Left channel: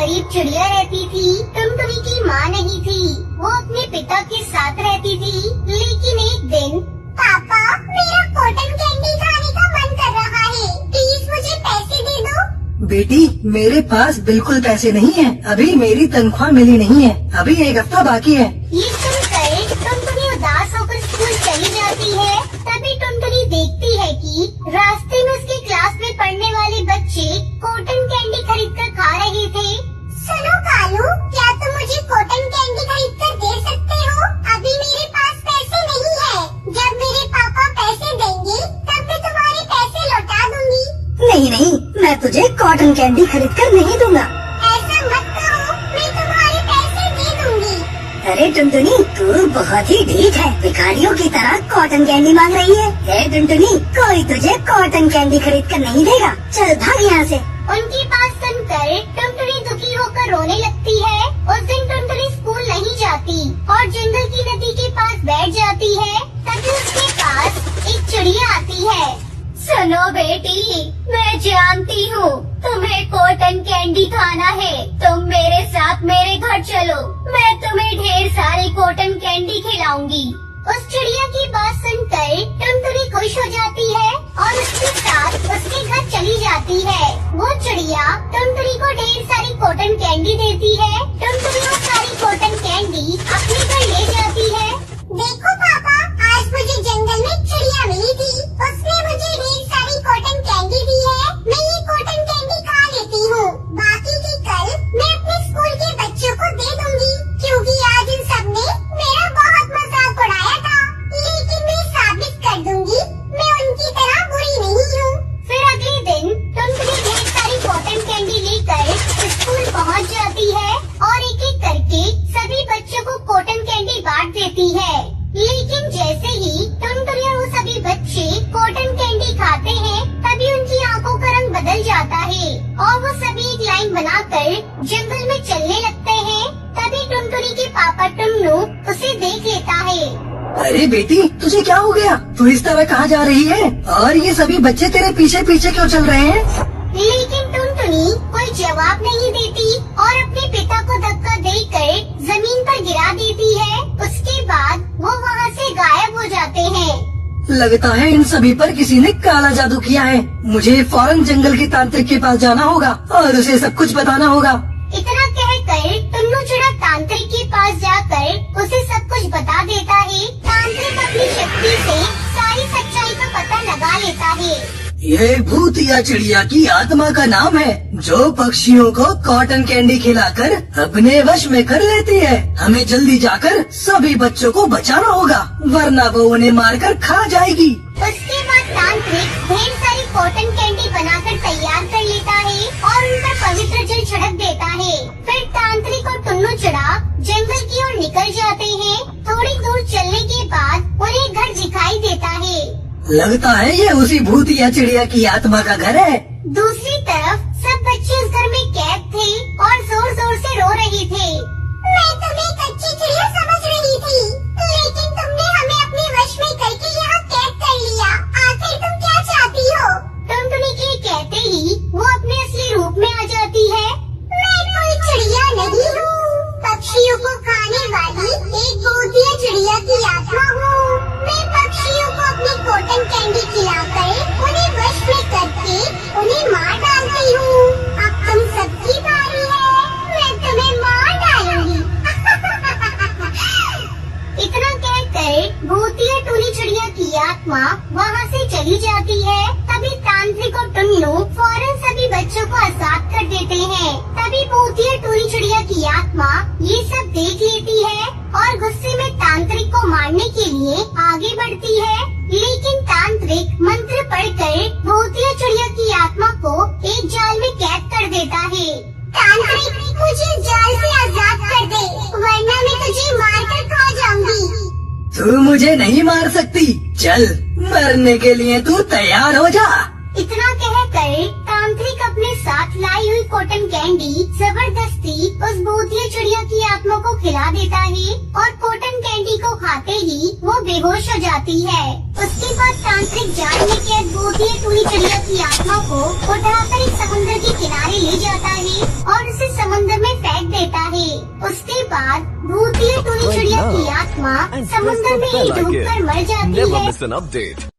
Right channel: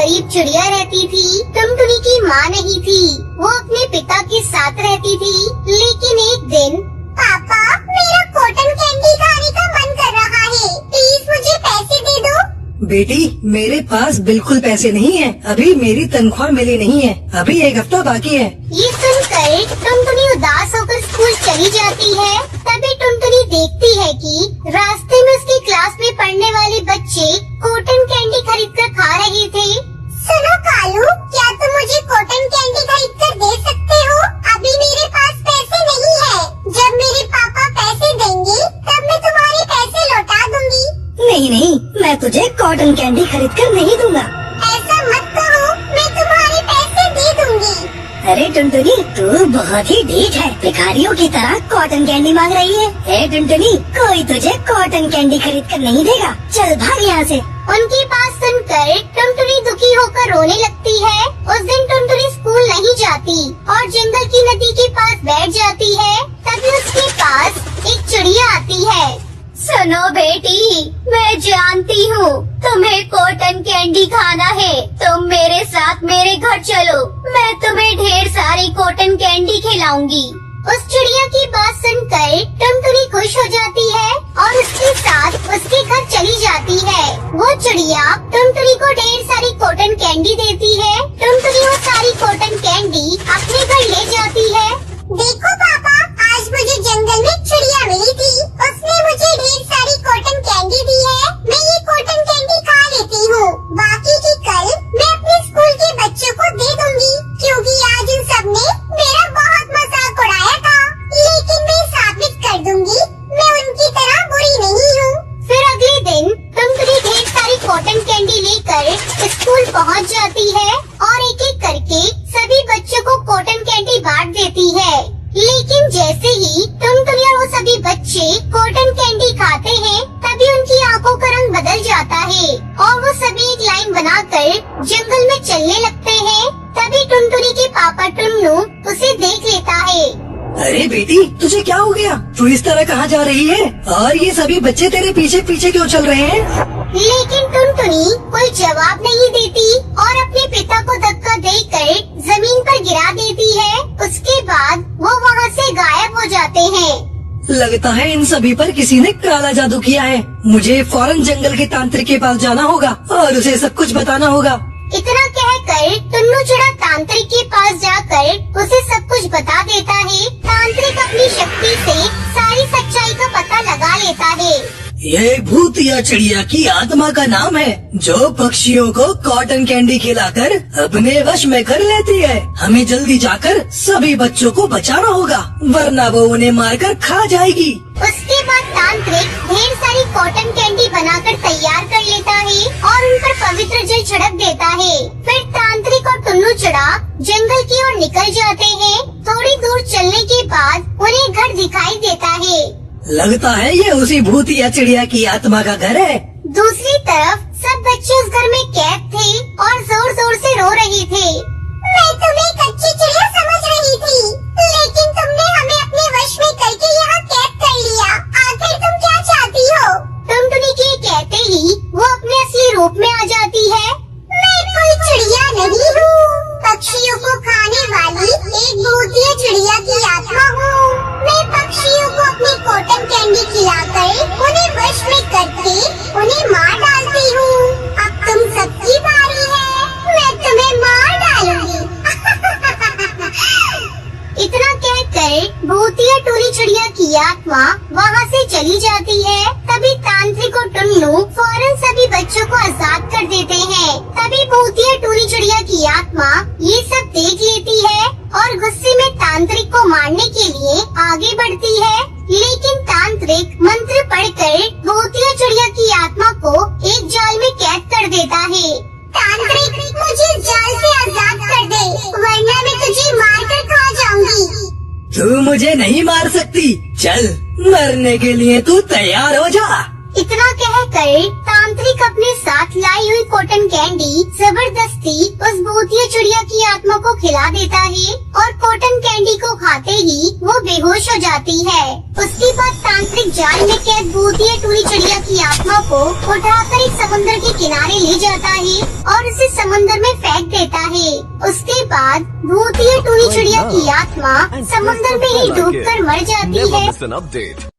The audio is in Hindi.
गरीब चिड़िया रहती थी। टुनटुनी की माँ नहीं थी, वो अपने पिता के साथ रहती थी। लेकिन एक दिन, पापा मेरा कॉटन कैंडी खाने का मन कर रहा है, प्लीज मुझे पैसे दे दो। बेटी मेरे पास बिल्कुल पैसे नहीं है, अभी मेरी तनख्वाह मिली नहीं है, अभी 1 हफ्ता बाकी है। ये सुनकर टुनटुनी उदास होकर स्कूल चली जाती है। तभी टुनटुनी देखती है कि रास्ते में उसकी क्लास में पढ़ने वाले बच्चे कॉटन कैंडी खरीद कर खा रहे थे। सुनो कालू, क्या तुम मुझे कॉटन कैंडी खरीद कर दे सकते हो? अभी मेरे पास पैसे नहीं है, जब मेरे पापा पैसे देंगे तब मैं तुम्हारे पैसे लौटा दूंगी। नहीं नहीं, मैं तुझे कॉटन कैंडी खरीद कर नहीं दूंगा। ऐसा मत कहो, मैं तुम्हारे पैसे दे दूंगी। अरे टुनटुनी, तू बहुत ही ढीठ है, भिखारियों की तरह कॉटन कैंडी मांग रही है। हे टुनटुनी, कोई तुझे कॉटन कैंडी खरीद कर नहीं देगा, चल भाग यहाँ से। उनकी बात सुनकर टुनटुनी दुखी होकर रोने लगती है। उस दिन टुनटुनी स्कूल नहीं जाती और जंगल की नदी के पास बैठ जाती है। तभी उसके पास एक चिड़िया आती है। सुनो बेटी, मैं जानती हूँ तुम्हें कॉटन कैंडी खाना है, तुम मेरे साथ मेरे घर चलो, मैं तुम्हें ढेर सारी कॉटन कैंडी खिलाऊंगी। उस चिड़िया की बात सुनकर टुनटुनी खुश हो जाती है और उसके साथ उसके घर चली जाती है। वो चिड़िया टुनटुनी को ढेर सारी कॉटन कैंडी देती है। टुनटुनी वो सारी कॉटन कैंडी अपने घर ले जाती है। देखो पापा, आज मुझे जंगल में चिड़िया मिली थी, उसने मुझे ढेर सारी कॉटन कैंडी दी है, मैं ये कॉटन कैंडी खा लेती हूँ, बाकी की कल मैं अपने स्कूल के बच्चों को दे दूंगी, क्योंकि आज इन सब ने मेरा बहुत मजाक उड़ाया था। लेकिन मैं साबित कर दूंगी मैं उनकी तरह बुरी नहीं हूँ। फिर अगले दिन टुनटुनी ढेर सारी कॉटन कैंडी लेकर स्कूल पहुँच जाती है और एक एक करके सभी बच्चों को कॉटन कैंडी बांट देती है। लेकिन जैसे ही टुनटुनी और वो सभी बच्चे कॉटन कैंडी खाते हैं, तभी उनकी आंखों का रंग बदल जाता है और वो सभी एक लाइन बनाकर जंगल में चलने लगते हैं। तभी टुनटुनी के पापा टुन्नू उसे देख लेता है। अरे बेटी, तुझे क्या हो गया? तू इस तरह कहाँ जा रही है? और ये सभी बच्चे तेरे पीछे पीछे क्यों चल रहे हैं? लेकिन टुनटुनी कोई जवाब नहीं देती और अपने पिता को धक्का देकर जमीन पर गिरा देती है। उसके बाद वो वहाँ से गायब हो जाते हैं। लगता है इन सभी पर किसी ने काला जादू किया है। मुझे फौरन जंगल के तांत्रिक के पास जाना होगा और उसे सब कुछ बताना होगा। इतना कहकर टुन्नू चिड़ा तांत्रिक के पास जाकर उसे सब कुछ बता देता है। तांत्रिक अपनी शक्ति से सारी सच्चाई का पता लगा लेता है। यह भूतिया चिड़िया की आत्मा का नाम है, जो पक्षियों को कॉटन कैंडी खिलाकर अपने वश में कर लेती है। हमें जल्दी जाकर सभी बच्चों को बचाना होगा, वरना वो उन्हें मारकर खा जाएगी। उसके बाद तांत्रिक ढेर सारी कॉटन कैंडी बनाकर तैयार कर लेता है और उन पर पवित्र जल छिड़क देता है। फिर तांत्रिक और टुन्नू चिड़ा जंगल की ओर निकल जाते हैं। थोड़ी दूर चलने के बाद उन्हें घर दिखाई देता है। लगता है ये उसी भूतिया चिड़िया की आत्मा का घर है। दूसरी तरफ सब बच्चे उस घर में कैद थे और जोर जोर से रो रहे थे। मैं तुम्हें कच्ची चिड़िया समझ रही थी, लेकिन तुमने हमें अपने वश में करके यहाँ कैद कर लिया। आखिर तुम क्या चाहती हो? टुनटुनी के कहते ही वो अपने असली रूप में आ जाती है। मैं कोई चिड़िया नहीं हूँ, पक्षियों को खाने वाली एक भूतिया चिड़िया की आत्मा हूँ। मैं पक्षियों को अपनी कॉटन कैंडी खिलाकर उन्हें वश में करके उन्हें मार डालती हूँ। अब तुम सबकी बारी है, मैं तुम्हें मार डालूंगी। इतना कहकर भूतिया टोली चिड़िया की आत्मा वहाँ से चली जाती है। तभी तांत्रिक और टुन्नू फौरन सभी बच्चों को आजाद कर देते हैं। तभी भूतिया टोली चिड़िया की आत्मा ये सब देख लेती है और गुस्से में तांत्रिक को मारने के लिए आगे बढ़ती है। लेकिन तांत्रिक मंत्र पढ़कर भूतिया चिड़िया की आत्मा को एक जाल में कैद कर देता है। तांत्रिक, मुझे जाल से आजाद कर दे, वरना मैं तुझे मार कर खा जाऊंगी। तू मुझे नहीं मार सकती, चल मरने के लिए तू तैयार हो जा। इतना कहकर तांत्रिक अपने साथ लाई हुई कॉटन कैंडी जबरदस्ती उस भूतिया चिड़िया की आत्मा को खिला देता है और कॉटन कैंडी को खाते ही वो बेहोश हो जाती है। उसके बाद तांत्रिक जाल में कैद भूतिया टूरी चिड़िया की आत्मा को उठाकर एक समुद्र के किनारे ले जाता है और उसे समुद्र में फेंक देता है। उसके बाद भूतिया टूरी चिड़िया की आत्मा समुद्र में ही डूबकर मर जाती Never है। miss an update.